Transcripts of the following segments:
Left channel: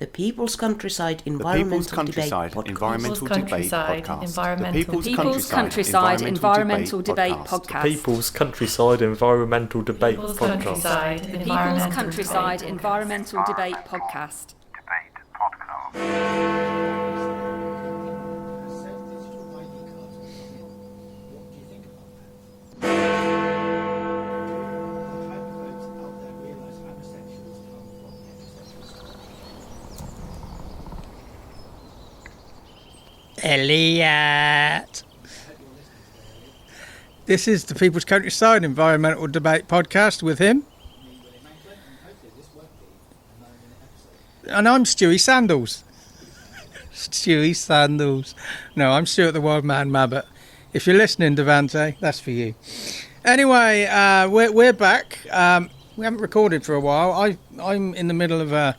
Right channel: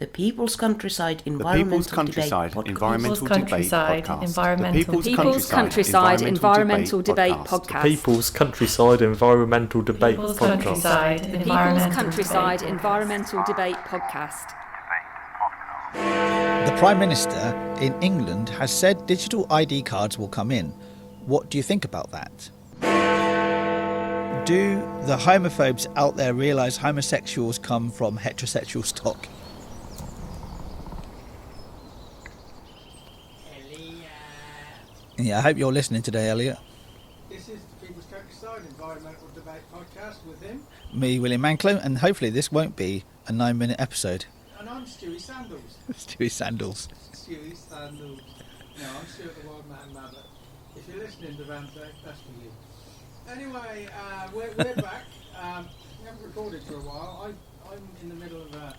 The People's Countryside The People's Environmental Countryside Debate Environmental Debate Podcast. People's Countryside Environmental Debate Podcast. People's Countryside Environmental Debate People's Podcast. Countryside Environmental Debate Podcast. The Prime Minister in England has said digital ID cards will come in. What do you think about that? Do the homophobes out there realise homosexuals come from heterosexual stock? Elliot. Yeah, I hope you're listening today, Elliot. This is the People's Countryside Environmental Debate Podcast with him. Me, William Mankelow, and hopefully this won't be a 9-minute episode. And I'm Stewie Sandals. Stewie Sandals. Stewie Sandals. No, I'm Stuart the Wildman, Mabbutt. If you're listening, Devante, that's for you. Anyway, we're back. We haven't recorded for a while. I'm in the middle of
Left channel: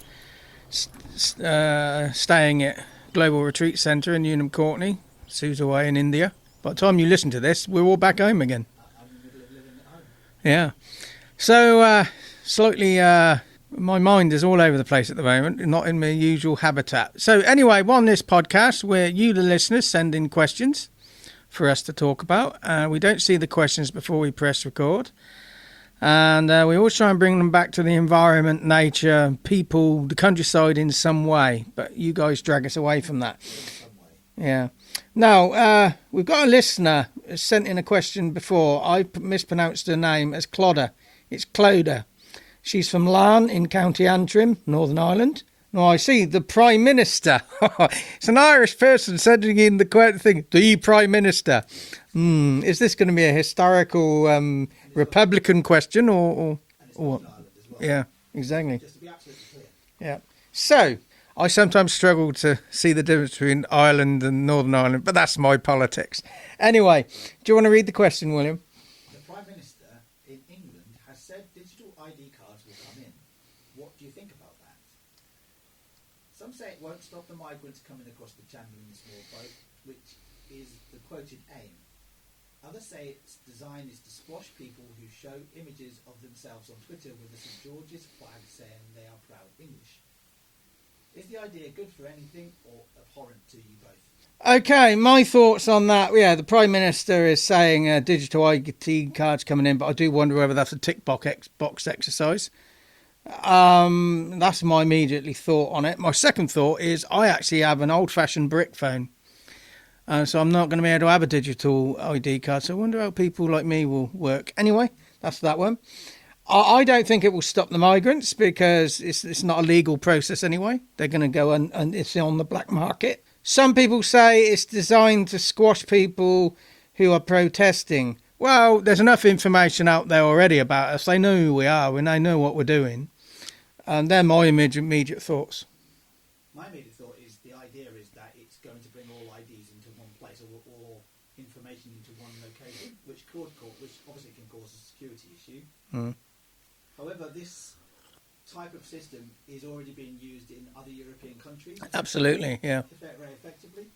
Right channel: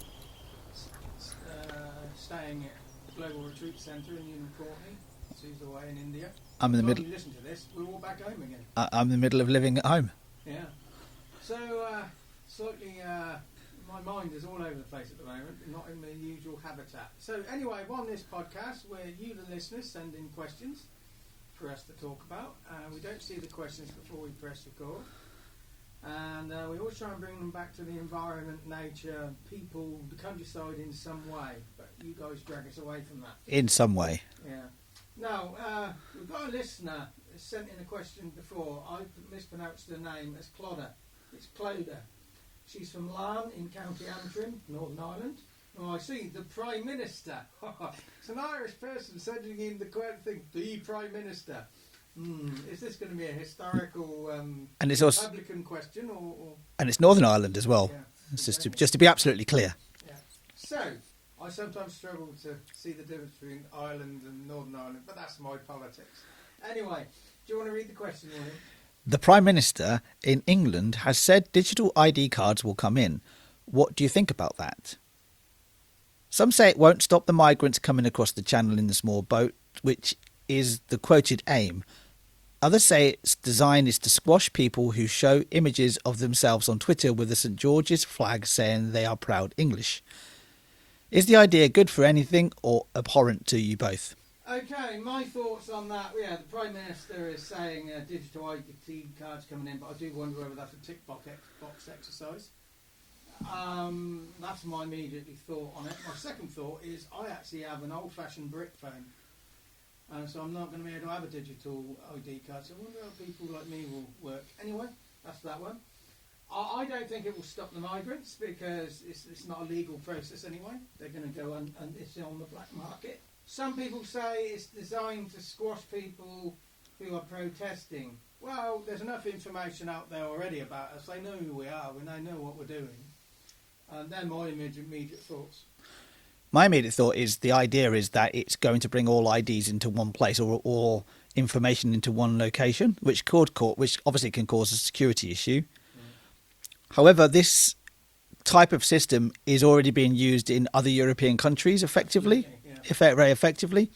staying at Global Retreat Centre in Unham Courtney. Sue's away in India. By the time you listen to this, we're all back home again. I'm in the middle of living at home. Yeah. So, slightly, my mind is all over the place at the moment, not in my usual habitat. So, anyway, on this podcast, where you, the listeners, send in questions for us to talk about. We don't see the questions before we press record. And we always try and bring them back to the environment, nature, people, the countryside in some way. But you guys drag us away from that. In some way. Yeah. Now, we've got a listener who sent in a question before. I mispronounced her name as Clodder. It's Clodder. She's from Larne in County Antrim, Northern Ireland. Now, I see the Prime Minister. It's an Irish person sending in the thing, the Prime Minister. Is this going to be a historical Republican question or? And it's Northern Ireland as well. Yeah, exactly. Just to be absolutely clear. Yeah. So, I sometimes struggle to see the difference between Ireland and Northern Ireland, but that's my politics. Anyway, do you want to read the question, William? The Prime Minister in England has said digital ID cards will come in. What do you think about that? Some say it won't stop the migrants coming across the channel in the small boat, which is the quoted aim. Others say its design is to squash people who show images of themselves on Twitter with a St George's flag saying they are proud English. Is the idea good for anything or abhorrent to you both? Okay, my thoughts on that. Yeah, the Prime Minister is saying digital ID cards coming in, but I do wonder whether that's a tick box exercise. That's my immediately thought on it. My second thought is I actually have an old-fashioned brick phone. So I'm not going to be able to have a digital ID card. So I wonder how people like me will work. Anyway, that's that one. I don't think it will stop the migrants because it's not a legal process anyway. They're going to go and it's on the black market. Some people say it's designed to squash people who are protesting. Well, there's enough information out there already about us. They know who we are and they know what we're doing. And they're my immediate thoughts. My immediate thought is the idea is that it's going to bring all IDs into one place or information into one location, which obviously can cause a security issue. However, this type of system is already being used in other European countries effectively. Absolutely, yeah. Very effectively.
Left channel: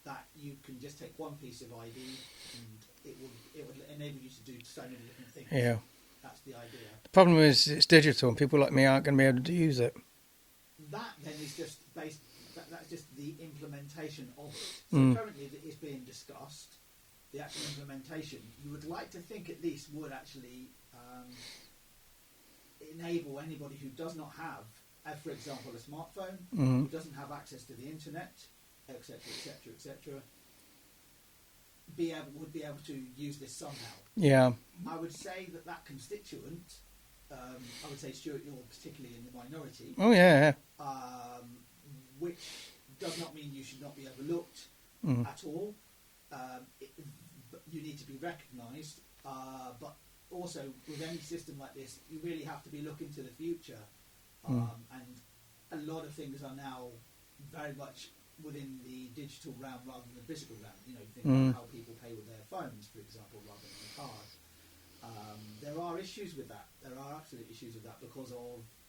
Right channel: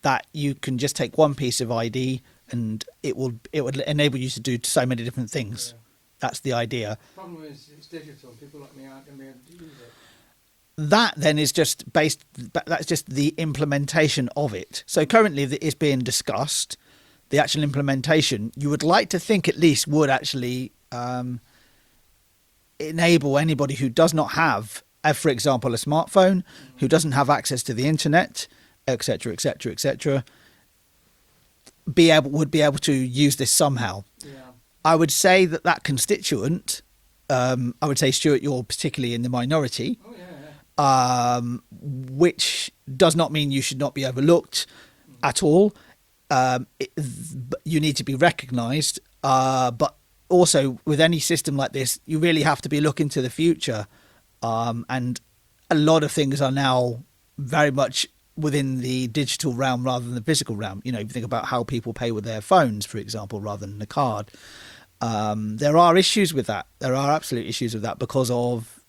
That you can just take one piece of ID and it would enable you to do so many different things. Yeah. That's the idea. Problem is it's digital and people like me aren't going to be able to use it. That then is that's just the implementation of it. So currently it's being discussed. The actual implementation, you would like to think at least would actually enable anybody who does not have, for example, a smartphone, who doesn't have access to the internet, etc., would be able to use this somehow. Yeah. I would say that constituent, I would say, Stuart, you're particularly in the minority. Oh, yeah. Which does not mean you should not be overlooked at all. You need to be recognised. But also, with any system like this, you really have to be looking to the future. And a lot of things are now very much within the digital realm rather than the physical realm. You know, if you think about how people pay with their phones, for example, rather than a card. There are issues with that. There are absolute issues with that because of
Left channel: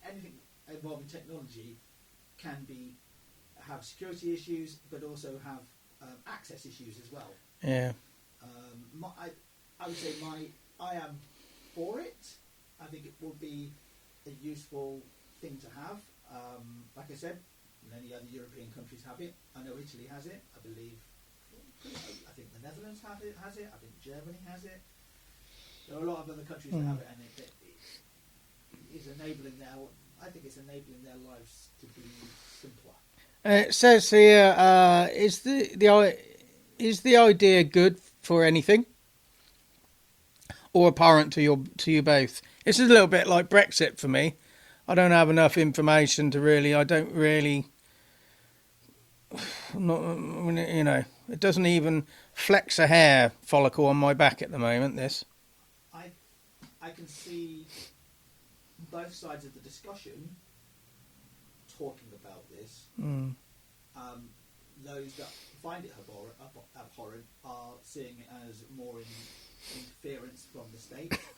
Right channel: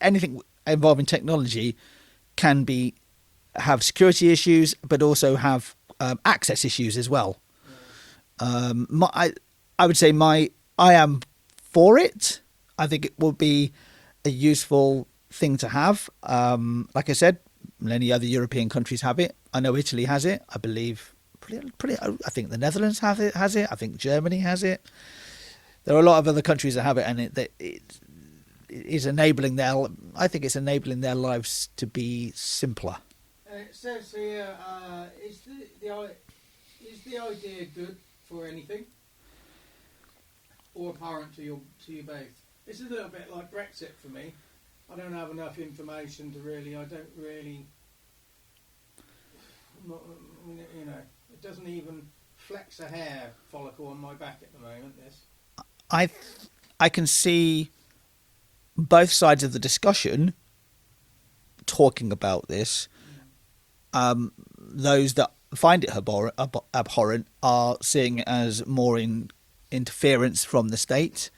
anything involving technology can have security issues, but also have access issues as well. Yeah. I would say I am for it. I think it will be a useful thing to have. Like I said, many other European countries have it. I know Italy has it. I believe, I think the Netherlands has it. I think Germany has it. There are a lot of other countries that have it, and it is enabling I think it's enabling their lives to be simpler. It says here, is the idea good for anything, or abhorrent to you both? This is a little bit like Brexit for me. I don't have enough information to really. I don't really. It doesn't even flex a hair follicle on my back at the moment. This. I can see both sides of the discussion talking about this. Those that find it abhorrent are seeing it as more interference from the state.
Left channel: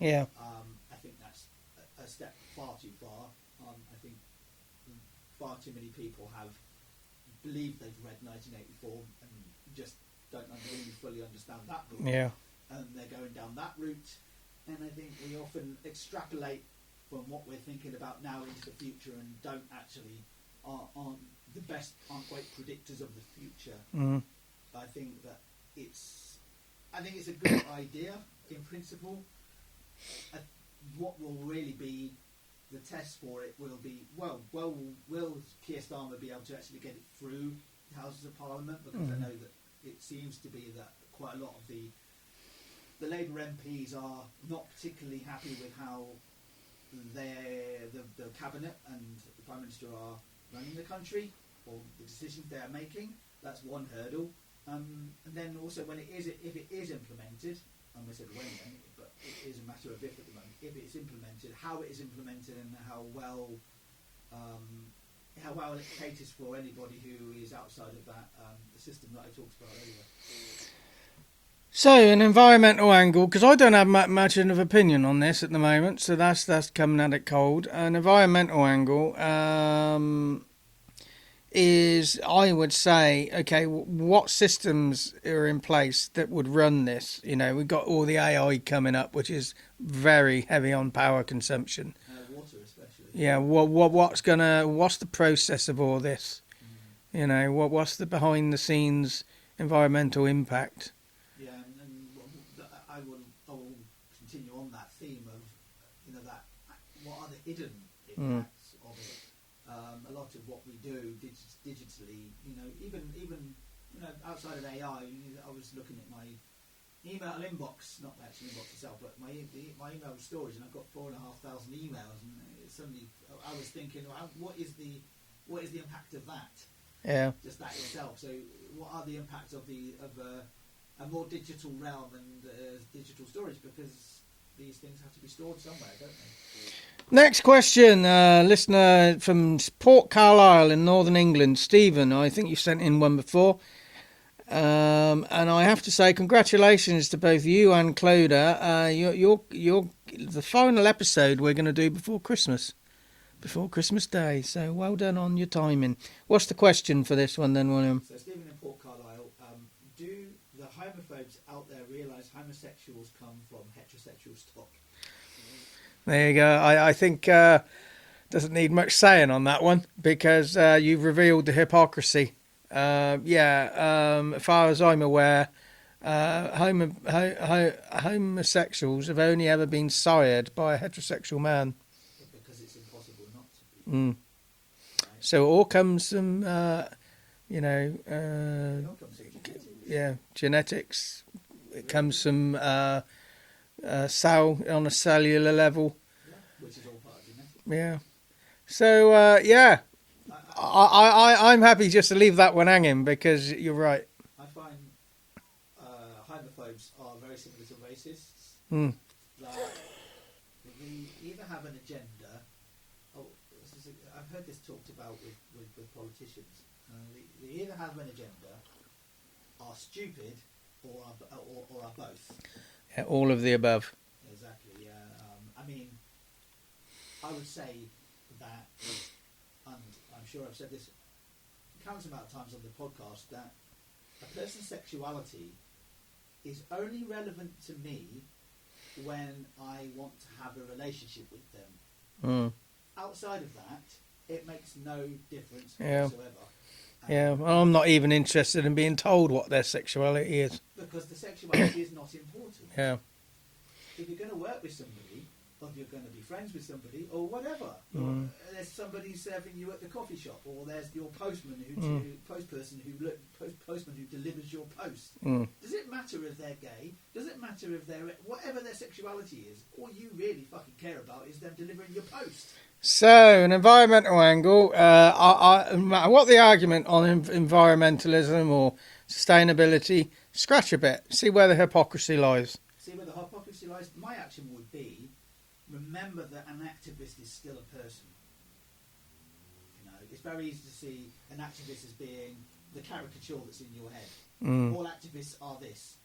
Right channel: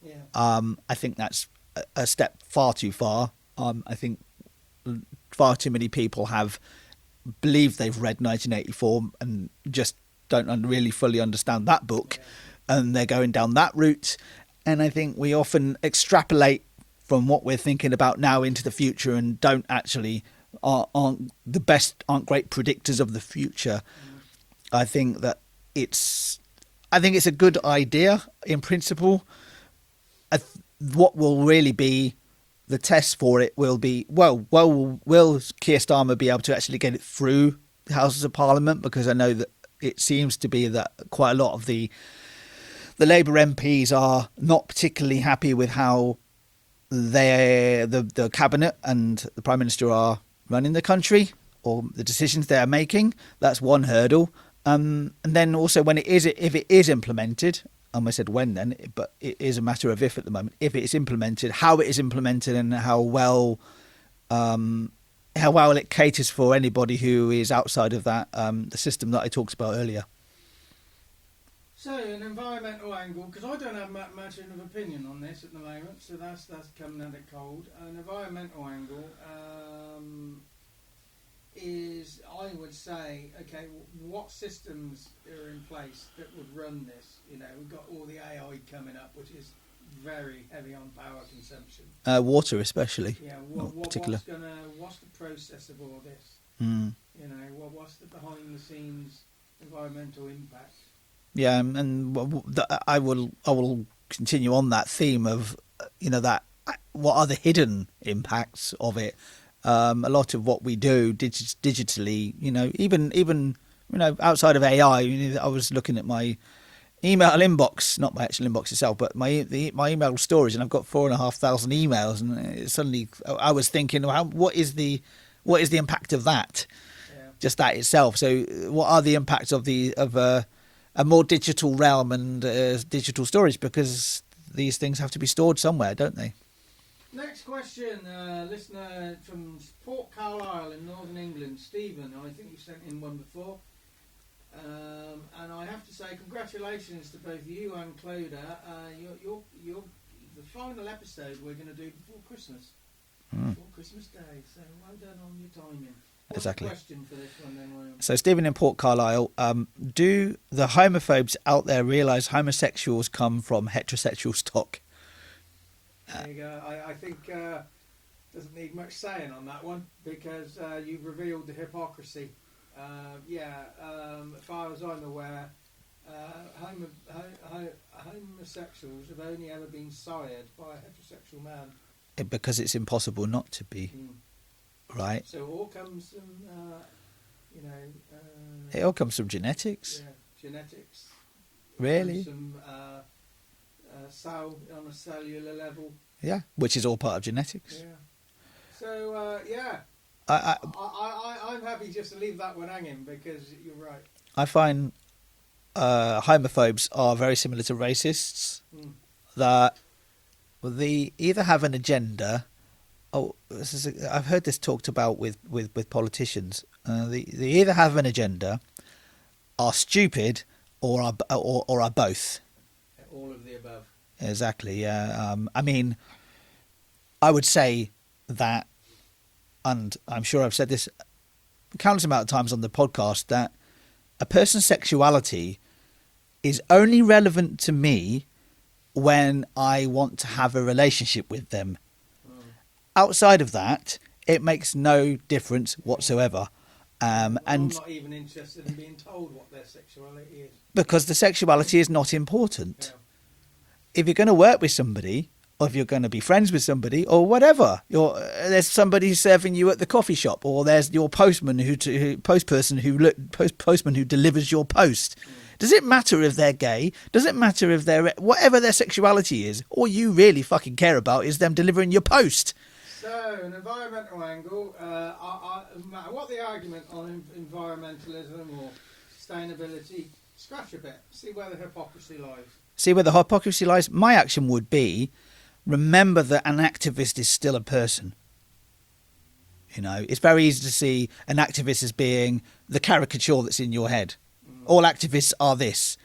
Yeah. I think that's a step far too far. I think far too many people believe they've read 1984 and just don't really fully understand that book. Yeah. And they're going down that route. And I think we often extrapolate from what we're thinking about now into the future and aren't great predictors of the future. I think that it's a good idea in principle. What will really be the test for it will be, will Keir Starmer be able to actually get it through the Houses of Parliament? Because I know that it seems to be that quite a lot of the Labour MPs are not particularly happy with how the Cabinet and the Prime Minister are running the country or the decisions they are making. That's one hurdle. And then also if it is implemented, I said when then, but it is a matter of if at the moment. If it is implemented, how it is implemented, and how well it caters for anybody who is outside of that the system that I talked about earlier. So an environmental angle, because I don't have much of an opinion on this at the moment, so that's coming at it cold. An environmental angle is, I would say, okay, what systems are in place that would run this? We've got all the AI coming up, which is very heavy on power consumption. Water especially. Yeah, what's the process of all this? What's the behind the scenes environmental impact? Yeah, and I will continue on that theme of that what are the hidden impacts of it. A lot of what we do digitally, even outside of AI, I was looking at my email inbox, not my actual inbox itself, but my email storage, and I've got 4,500 emails, and suddenly I was thinking, what is the impact of that? Yeah, just that itself. So, what are the impacts of a more digital realm and digital storage? Because these things have to be stored somewhere, don't they? Next question, listener from Port Carlisle in Northern England, Stephen. I think you sent in one before. And I have to say congratulations to both you and Clodagh. You're the final episode we're going to do before Christmas. Before Christmas Day. So well done on your timing. What's the question for this one then, William? So Stephen in Port Carlisle, do the homophobes out there realise homosexuals come from heterosexual stock? There you go. I think doesn't need much saying on that one, because you've revealed the hypocrisy. As far as I'm aware, homosexuals have only ever been sired by a heterosexual man. Because it's impossible not to be. Right. So it all comes from, it all comes from genetics. Yeah, genetics. It Really? comes from cell on a cellular level. Yeah, which is all part of genetics. Yeah. So I'm happy just to leave that one hanging, because you're right. I find homophobes are very similar to racists. That they either have an agenda. I've heard this talked about with politicians. They either have an agenda, are stupid, or are both. Yeah, all of the above. Exactly. Yeah. I would say that, and I'm sure I've said this countless amount of times on the podcast, that a person's sexuality is only relevant to me when I want to have a relationship with them. outside of that, it makes no difference whatsoever. Well, I'm not even interested in being told what their sexuality is. Because the sexuality is not important. Yeah. If you're going to work with somebody, or if you're going to be friends with somebody, or whatever, there's somebody serving you at the coffee shop, or there's your postman postman who delivers your post. Does it matter if they're gay? Does it matter if they're whatever their sexuality is? All you really fucking care about is them delivering your post. So, an environmental angle, no matter what the argument on environmentalism or sustainability, scratch a bit, see where the hypocrisy lies. See where the hypocrisy lies? My action would be, remember that an activist is still a person. You know, it's very easy to see an activist as being the caricature that's in your head. All activists are this.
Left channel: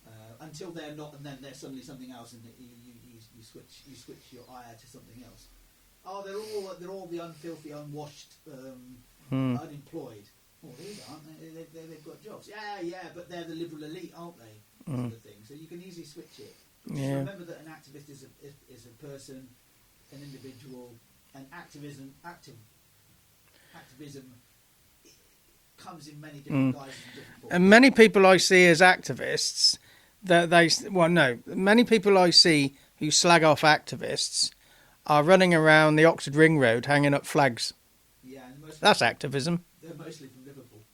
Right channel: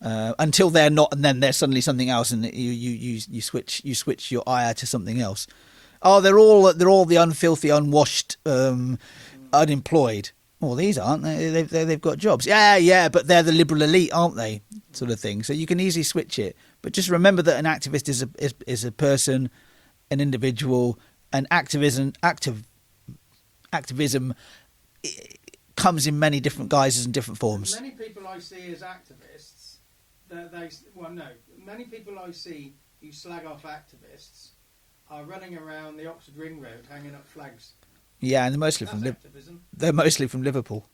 Until they're not, and then they're suddenly something else, and you switch your ire to something else. Oh, they're all the unfilthy, unwashed, unemployed. Well, these aren't. They've got jobs. Yeah, but they're the liberal elite, aren't they? Sort of thing. So you can easily switch it. But just remember that an activist is a person, an individual, and activism comes in many different guises and different forms. And many people I see as activists, many people I see who slag off activists are running around the Oxford Ring Road hanging up flags. Yeah, and that's activism. They're mostly from Liverpool.